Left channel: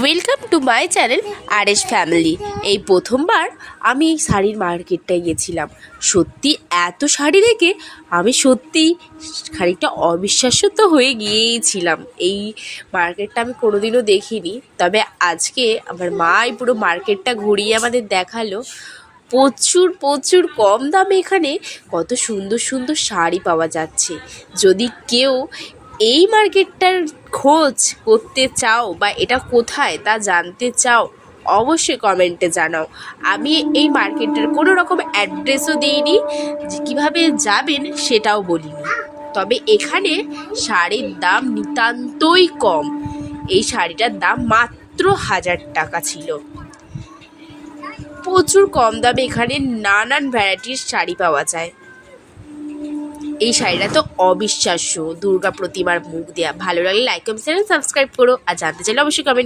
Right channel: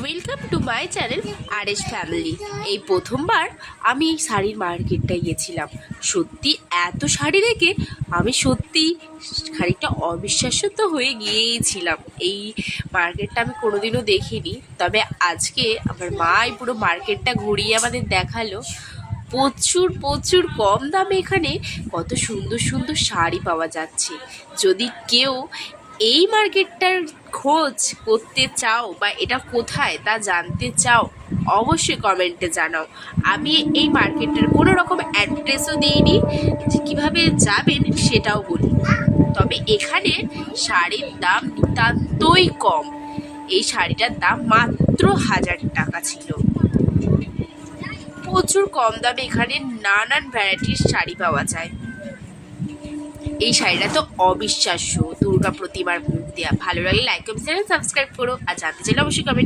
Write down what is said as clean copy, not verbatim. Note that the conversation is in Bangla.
Welcome to my channel R S family. এই প্রথমবার আমি এই শাড়ির মার্কেটটায় গেছিলাম। সত্যি এত শাড়ি দেখে আমি সত্যি খানিকটা অবিশ্বাস্য তো হয়ে গিয়েইছিলাম। এই মার্কেটটা আমি কোনোদিনও দেখিনি, তবে আজকে আমার মাই পুরো মার্কেটটা ঘুরিয়ে আমাদের দেখালো। প্রচুর প্রচুর কম দামে এখানে কত সুন্দর সুন্দর শাড়ি পাওয়া যাচ্ছে। যদি কেউ এই মার্কেটটার খোঁজ করতে চাও বা এটা কোথায় তা জানতে চাও, অবশ্যই কমেন্টে জানাও। আমি এই মার্কেটটার কোনো রকম অ্যাড্রেসও দিইনি, যে কীভাবে যাবেন সেটাও বলি। তবে এখানে শাড়ির দাম নিতান্তই কম। এই শাড়িটার দাম মাত্র 1000 টাকা ছিল। প্রচুর কম দামে এখানে নানান ভ্যারাইটির শাড়ি পাওয়া যায়। এই শাড়িটা তো অবিশ্বাস্য, দুর্গা প্রতিমার মুখ দেওয়া। ভালো লাগলে লাইক কমেন্ট সাবস্ক্রাইব করো, আর জানতে চাইলে অবশ্যই কমেন্ট।